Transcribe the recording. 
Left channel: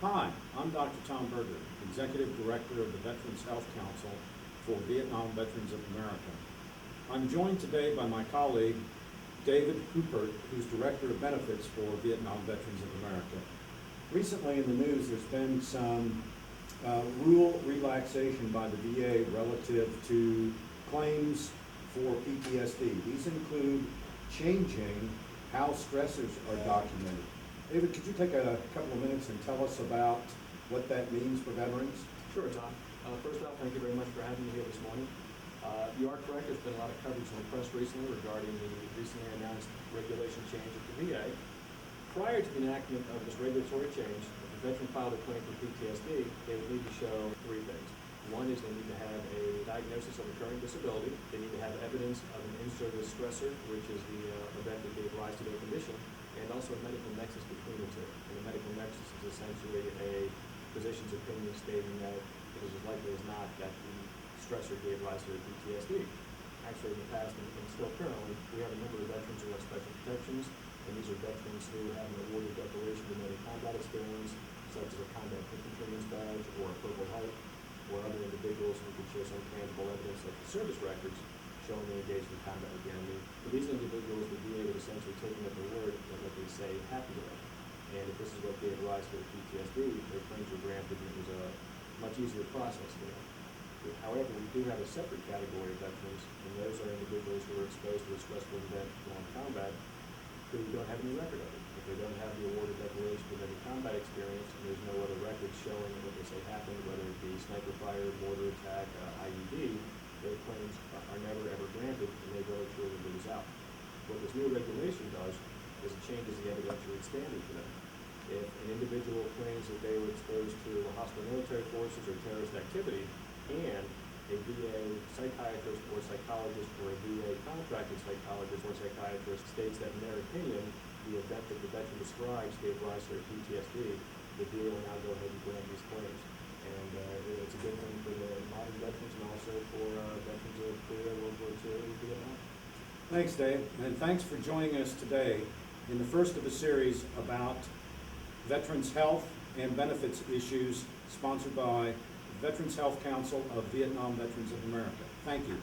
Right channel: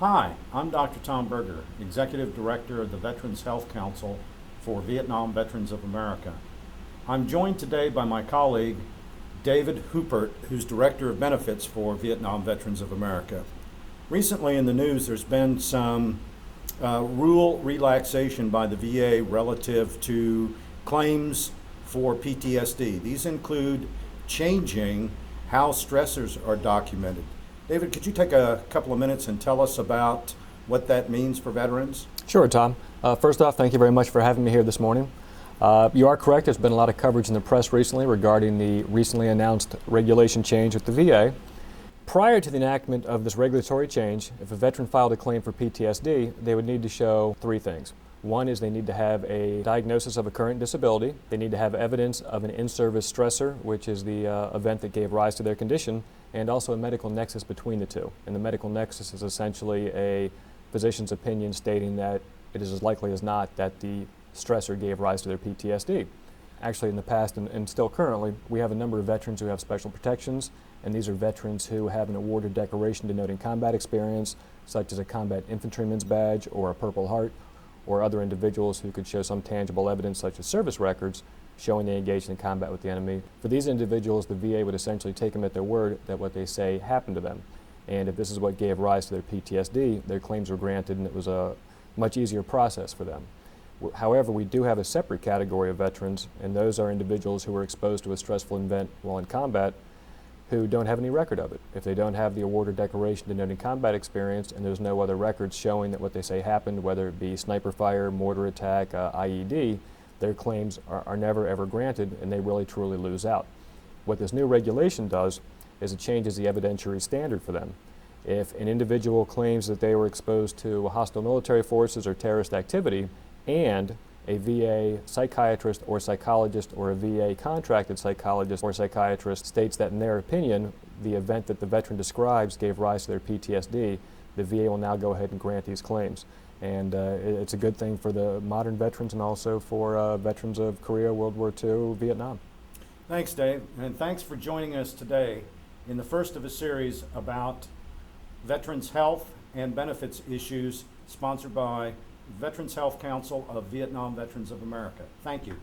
Hi, I'm Dr. Tom Berger, Executive Director of the Veterans Health Council for Vietnam Veterans of America. I'm joined today by my colleague, David Hoopert, who's Director of Benefits for Vietnam Veterans of America. Recently in the news, there's been some rule relaxation by the VA relative to claims for PTSD. These include changing how stressors are documented. David, could you take a couple of minutes and tell us about what that means for veterans? Sure, Tom. First off, thank you very much for having me here this morning. You are correct. There's been a lot of coverage in the press recently regarding the recently announced regulation change with the VA. Prior to the enactment of this regulatory change, if a veteran filed a claim for PTSD, they would need to show three things. One is they need to have a diagnosis of a current disability. They need to have evidence of an in-service stressor, which is the event that gave rise to their condition, and also a medical nexus between the two. And the medical nexus is essentially a physician's opinion stating that it is as likely as not that the stressor gave rise to their PTSD. Actually, in the past and still currently, we have a number of veterans who have special protections, and these are veterans who have an award or decoration denoting combat experience, such as a combat infantryman's badge or a Purple Heart, or other individuals who could show some tangible evidence, such as service records, showing they engaged in combat with the enemy. For these individuals, the VA would essentially take them at their word that what they say happened to them. And if this is what gave rise to their PTSD, their claims were granted, and it was a much easier process for them. However, we do have a separate category of veterans, and those are individuals who were exposed to a stressful event while in combat who don't have any record of it. If they don't have the award or decoration denoting combat experience, and there's no other records showing that what they say happened, whether it be sniper fire, mortar attack, IED, their claims are never ever granted, and they really truly lose out. What this new regulation does is it changes the evidentiary standard for them. If an individual claims that they were exposed to hostile military forces or terrorist activity, and a VA psychiatrist or psychologist or a VA contracted psychologist or psychiatrist states that in their opinion the event that the veteran describes gave rise to their PTSD, the VA will now go ahead and grant these claims. And it's a good thing for the modern veterans and also for veterans of Korea, World War II, Vietnam. Thanks, Dave, and thanks for joining us today in the first of a series about veterans' health and benefits issues sponsored by Veterans Health Council of Vietnam Veterans of America. Thank you.